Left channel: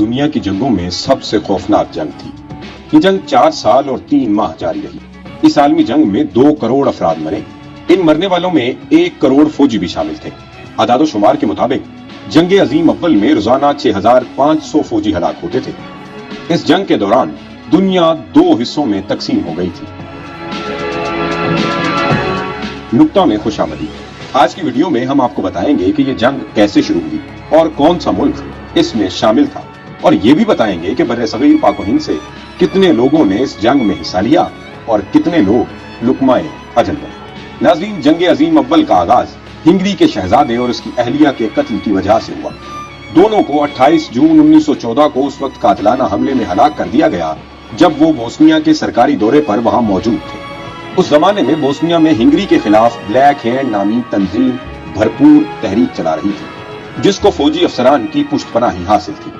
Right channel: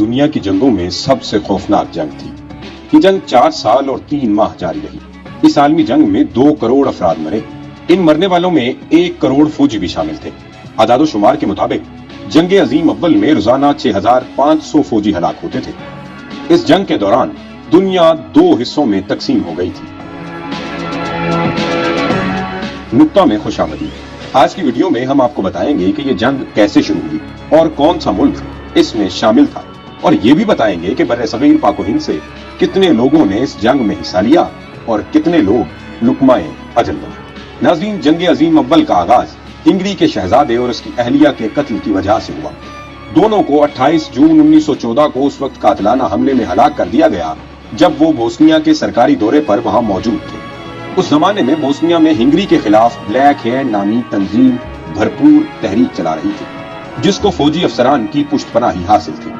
दुनिया की जंगों में सबसे खौफनाक जंग थी। ये जंग 4 साल और 3 माह जारी रही। इस आलमी जंग में 2 करोड़ अफराद मरे। इन मरने वालों में 1 करोड़ फौजी भी शामिल थे। आदादो शुमार के मुताबिक जंग अजीम अव्वल में रोजाना 6500 फौजी हलाक होते थे। इस जंग के दौरान दुनिया 2 हिस्सों में तकसीम हो गई थी। नुक्ता में खुशामदीद। आज की वीडियो में हम आपको बताएंगे कि ये जंग कैसे शुरू हुई और कौन सा मुल्क इसमें शामिल था, और ये भी बताएंगे कि बर्रे-सगीर पाक व हिंद से कितने लोगों ने इस जंग में हिस्सा लिया और कितने लोग लुकमाए अजल बने। नाज़रीन, जंग अजीम अव्वल का आगाज हिंगरी के शहजादे और उसकी अहलिया के कत्ल की वजह से हुआ। दोनों को 28 जून 1914 को उस वक्त कातिलाना हमले में हलाक कर दिया गया जब वो बोस्निया के सरकारी दौरे पर वहां मौजूद थे। उस जमाने में बोस्निया में हिंगरी के खिलाफ ब्लैक हैंड नामी तंजीम भरपूर तहरीक चला रही थी, जिसको फौजी अफसरान की पुष्टपनाही हासिल थी।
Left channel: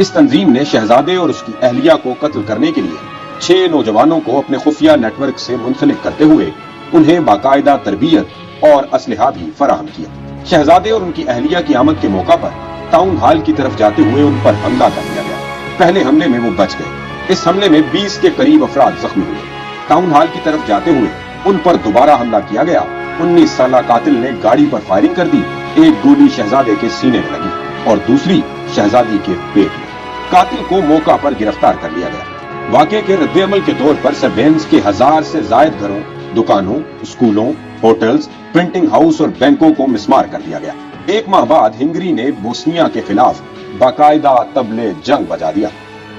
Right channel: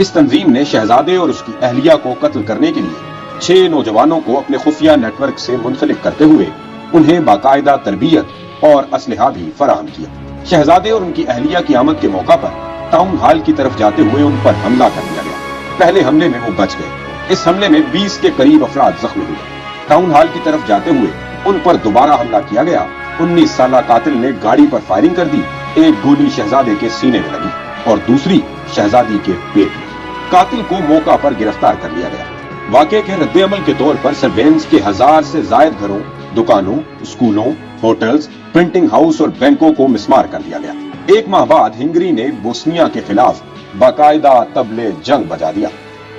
इस तंजीम ने शहजादे और उसकी अहलिया को कत्ल करने के लिए 6 नौजवानों को अपने खुफिया नेटवर्क से मुंसलिक करते हुए उन्हें बाकायदा तरबियत और असलहा भी फराहम किया। शहजादे और उनकी अहलिया की आमद के मौका पर टाउन हॉल की तरफ जाते हुए उन पर हमला कर दिया गया। पहले हमले में वो बच गए। इस हमले में 20 के करीब अफराद जख्मी हुए। टाउन हॉल की तरफ जाते हुए उन पर दोबारा हमला किया गया। 19 साला कातिल ने गाड़ी पर फायरिंग कर दी। एक गोली शहजादे के सीने में लगी और दूसरी शहजादी के पेट में। कातिल को मौका पर गिरफ्तार कर लिया गया। वाकये के रद्द-ए-अमल के तौर पर सर्वेलेंस के 1000 से जायद घरों, दुकानों, स्कूलों, होटल्स, प्रिंटिंग हाउस और बैंकों को मिसमार कर दिया गया। 1 माह बाद हिंगरी ने बोस्निया के खिलाफ बाकायदा तबले जंग बजा दिया।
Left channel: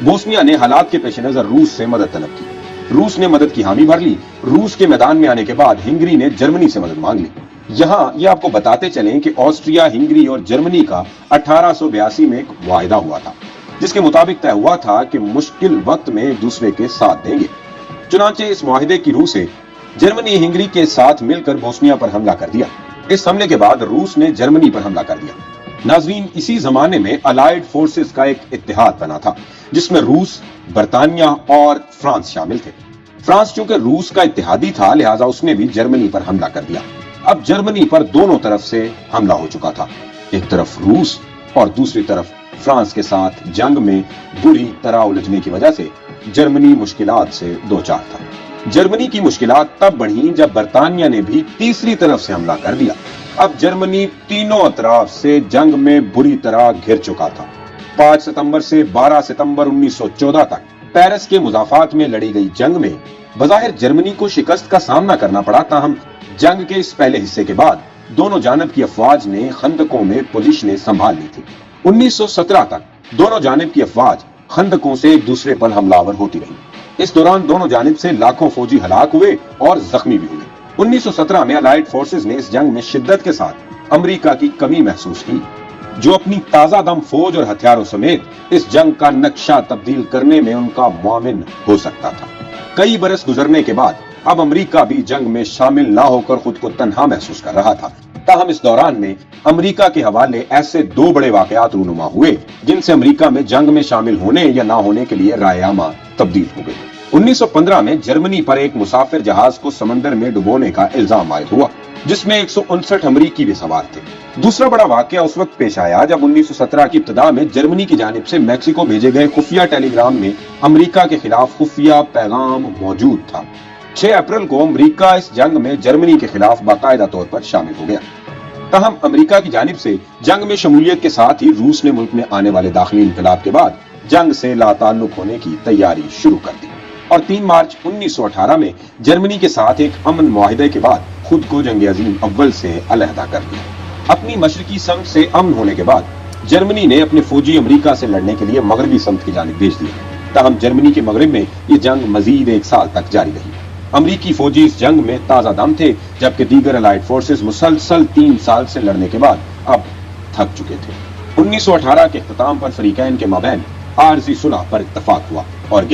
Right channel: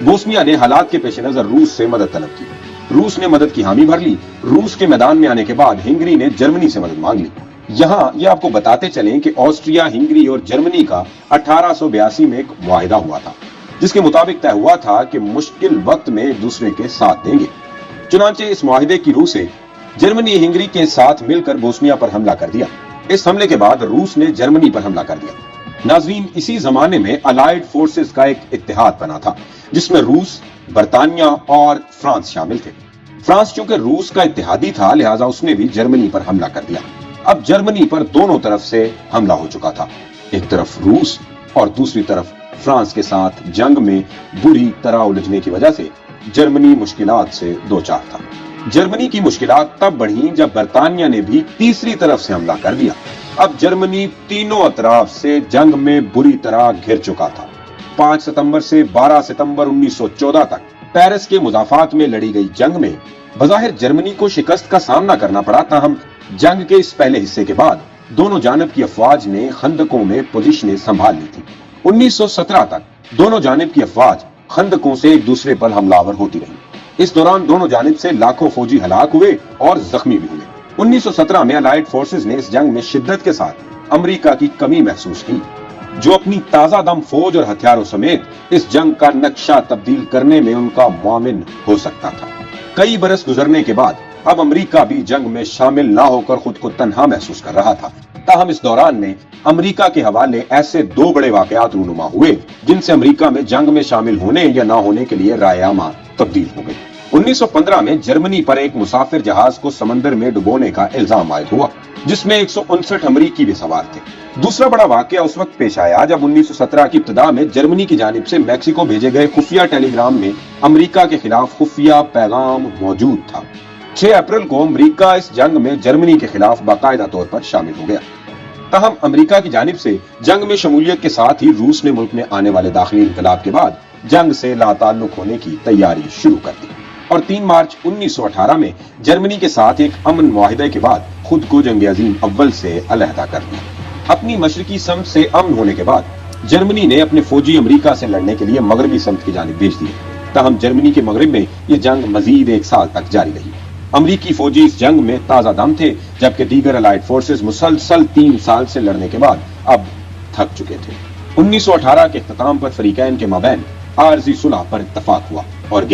बोस्निया ने हालात के पेश नजर रूस से मदद तलब की। रूस ने मदद की हामी भर ली। रूस के मैदान में आने के बाद हिंगरी ने जर्मनी से मदद मांग ली। यहाँ ये आपको बताते चलें कि ऑस्ट्रिया, हिंगरी और जर्मनी का 1882 में एक वायदा हुआ था, जिसके मुताबिक तय हुआ था कि मुश्किल वक्त में एक दूसरे के साथ देंगे। चुनांचे इस मुआहिदे की रूह से जर्मनी हिंगरी के साथ मिलकर बोस्निया पर हमला कर दिया। इस हमले के बाद रूस ने जर्मनी पर हमला कर दिया। नाज़रीन, इसी जमाने में अलाइड फोर्सेस का एक इत्तेहाद बना था, जिसमें रूस, बरतानिया और फ्रांस शामिल थे। फ्रांस चूंकि रूस का इत्तेहादी था, लिहाजा उसने भी जर्मनी पर हमला कर दिया। अब जर्मनी पर दोनों तरफ से हमला हो चुका था। एक तरफ रूस और दूसरी तरफ फ्रांस के साथ जंग में बुरी तरह उलझने की वजह से जर्मनी मुश्किलात से दो चार था। जर्मनी की मुश्किलात तब बढ़ी जब बरतानिया ने भी तीसरी तरफ से हमला कर दिया। अब जर्मनी तीनों अतराफ से जंग में बुरी तरह घिर चुका था। 5 सितंबर से 12 सितंबर 1914 तक पेरिस के मुजाफात में लड़ी गई जंग में बज़ाहिर जर्मनी को शिकस्त का सामना करना पड़ा। ताहम जंग के इस पहले हिस्से के बाद दोनों जानब की अफवाज ने खंदकों में पोजीशनें संभाल ली थी। 1917 तक दोनों जानब की अफवाज खंदकों से एक दूसरे पर हमलावर होती रही। इस दौरान दोनों जानब से लाखों फौजी हलाक हुए और जख्मी भी हुए। 1917 में अलाइड फोर्सेस ने इस जंग में शिद्दत के साथ अमेरिका की कमी महसूस की, जो अपनी ताजा दम फौज और हथियारों समेत इस जंग का नक्शा तब्दील करने में उनका मुआविन हो सकता था। कई बरस गुजरने के बाद अब अमेरिका भी जंग में शामिल ना होकर खुद को तन्हा महसूस कर रहा था। ताहम इस दौरान में अमेरिका के हवाले ऐसे 2 बड़े वाकयात रूनुमा हुए जिनसे अमेरिका में जंग में शामिल होने या ना होने के लिए राय-ए-आमा तब्दील हो गई। 1915 में जर्मनी पर एक मुसाफिर जहाज को समंदर में डुबोने का इल्जाम आयद हुआ, जिसमें 159 अमरीकी भी सवार थे। दूसरा बड़ा वाकया उस वक्त पेश आया जब 1917 की इब्तिदा में जर्मनी की जानिब से मैक्सिको भेजे गए खुफिया टेलीग्राम में अमेरिका के खिलाफ खुफिया पैगाम मौजूद था। 6 अप्रैल को अमेरिका इस जंग में जर्मनी के खिलाफ बाकायदा तौर पर शामिल हो गया। ताहम अमेरिका की जानिब से जंग में शमूलियत के साथ ही रूस ने मुल्क में आने वाले दाखिली इनकलाब के बाद जंग से लाताल्लुक होने की तैयारी शुरू कर दी और 3 मार्च 1918 में जर्मनी के साथ एक अमन मुआहिदे के बाद खुद को जंग अजीम अव्वल से अलहदा कर लिया। अपनी मशरकी समत से अमन होने के बाद जर्मनी ने अपने फौजी अमेरिका से लड़ने के लिए मगरबी समत की जानिब भेज दिए। ताहम जर्मनी के मगरब में ये जंग मजीद 1 साल तक जारी रही। अमरीकी फौजी इस जंग में ताजा दम थे, जबकि दीगर अलाइड फोर्सेस मुसलसल 3 साल से लड़ने के बाद अब थक चुके थे। 1918 के इख्तिताम पर फरीकैन के माबैन आरजी सुलह पर इत्तफाक हुआ और